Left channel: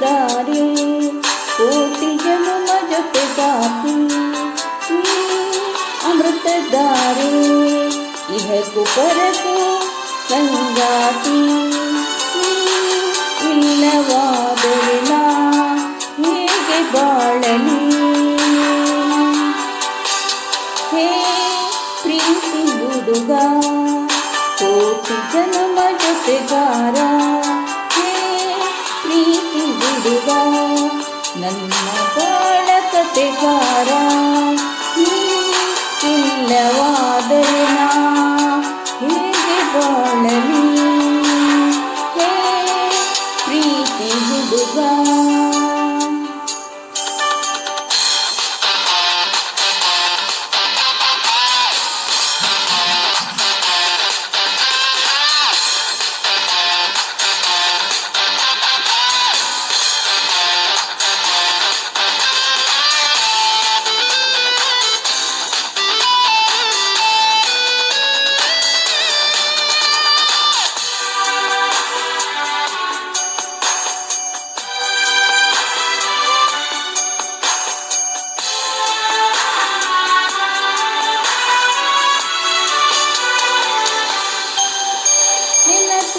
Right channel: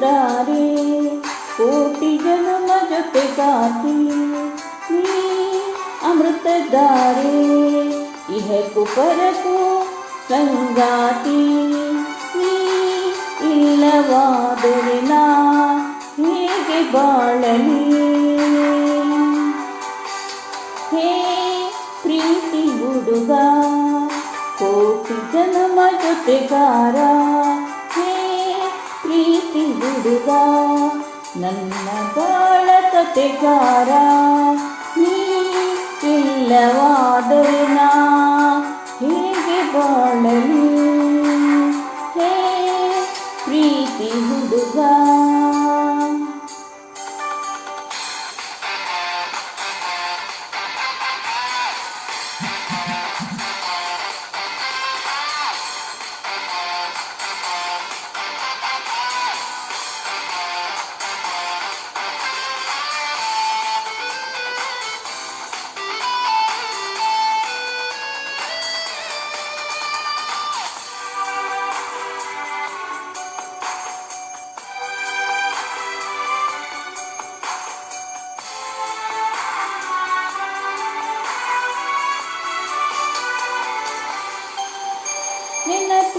दारे ारे कोति जाति। अमृत दारे इह कुपर यीनवादना मे बाणे हे प्रीतिुडुगा ಪ್ರೀತಿ ಹುಡುಗ ನನ್ನ ಬಾಳ ಕತೆಗಾರ ನೀ ಇಲ್ಲವಾದರೆ ನಾ ಹೇಗೆ ಬಾಳಲಿ ಹೇ ಪ್ರೀತಿ ಹುಡುಗ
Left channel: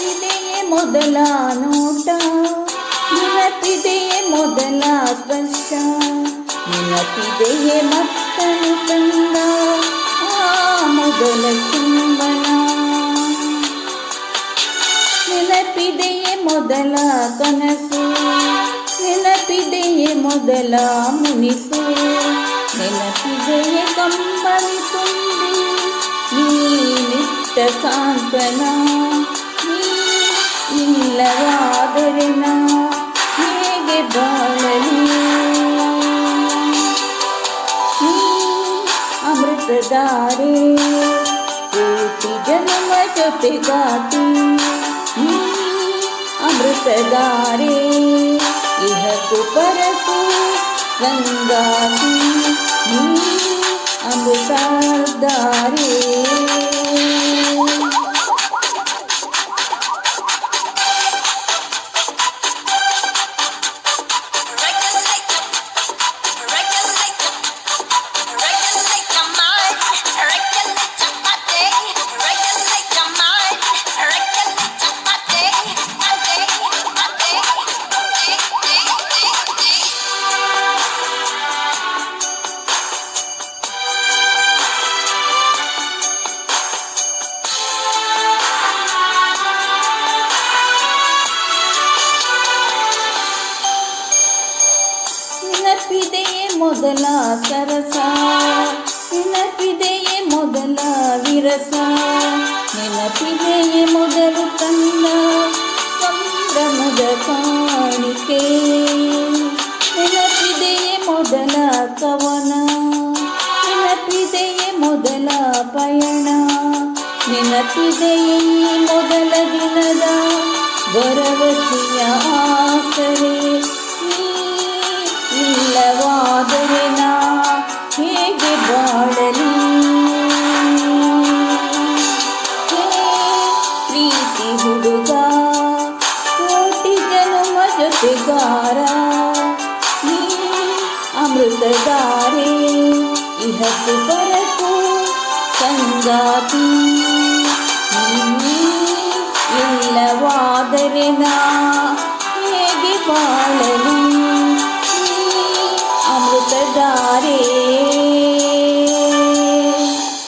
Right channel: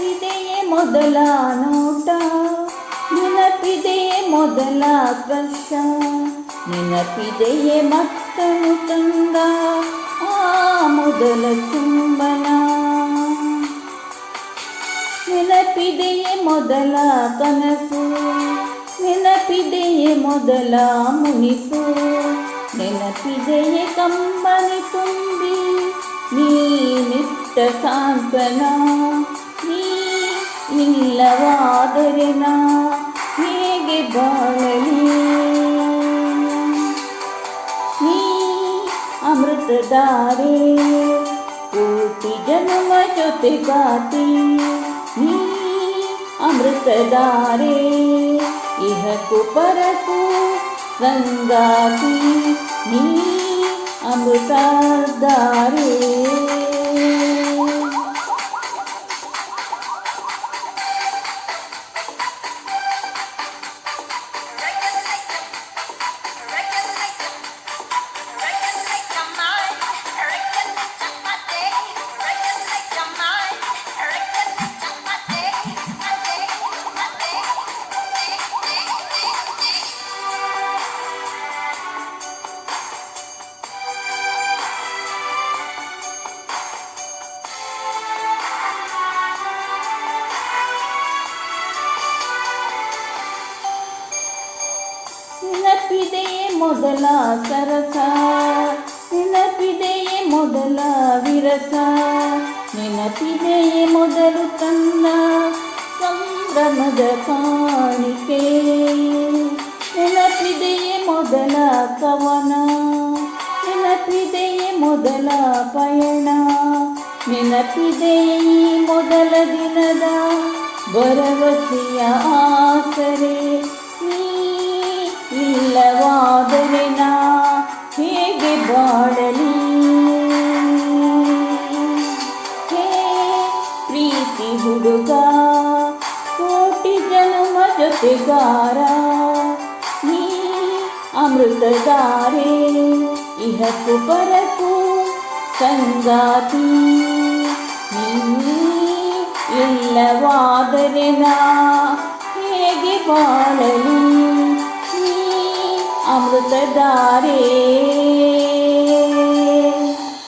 ನೆನಪಿದೆಯೇ ಮೊದಲ ನೋಟ ನೆನಪಿದೆಯೇ ಮೊದಲ ಸ್ಪರ್ಶ ನೆನಪಿದೆಯೇ ಮಕ್ಕಳು ಕಂಡ ಆ ಮೊದಲ ಚುಂಬನ ನೆನಪಿದೆಯೇ ಮೊದಲ ಕನಸು ನೆನಪಿದೆಯೇ ಮೊದಲ ಮುನಿಸು ನೆನಪಿದೆಯೇ ಕಂಬನಿ ತುಂಬಿ ನೀನಿಟ್ಟ ಸಾಂತ್ವನ ನೀ ಇಲ್ಲವಾದರೆ ನಾ ಹೇಗೆ ಬಾಳಲಿ ನೀ ಅಮೃತಧಾರೆ ಕೋಟಿ ಜನ್ಮ ಜೊತೆಗಾತಿ ನೀ ಅಮೃತಧಾರೆ ಇಹಕು ಪರಕು ಸಂಗಾತಿ ನೀ ಅಮೃತಧಾರೆ ನೆನಪಿದೆಯೇ ಮೊದಲ ಸರಸ ನೆನಪಿದೆಯೇ ಮೊದಲ ವಿರಸ ನೆನಪಿದೆಯೇ ಮೊದಲು ಕಂಡ ಸಂಭ್ರಮದ ಕಾಣಿಕೆ ನೆನಪಿದೆಯೇ ಮೊದಲ ಕವನ ನೆನಪಿದೆಯೇ ಮೊದಲ ಪಯಣ ನೆನಪಿದೆಯೇ ಈ ಮೊದಲ ದಿನದ ಭರವಸೆಯ కోటి జనుమ జొతిగారా నీ అమృతగారే ఇహకు పరకు సంగాతి. ఇల్లవాదరినా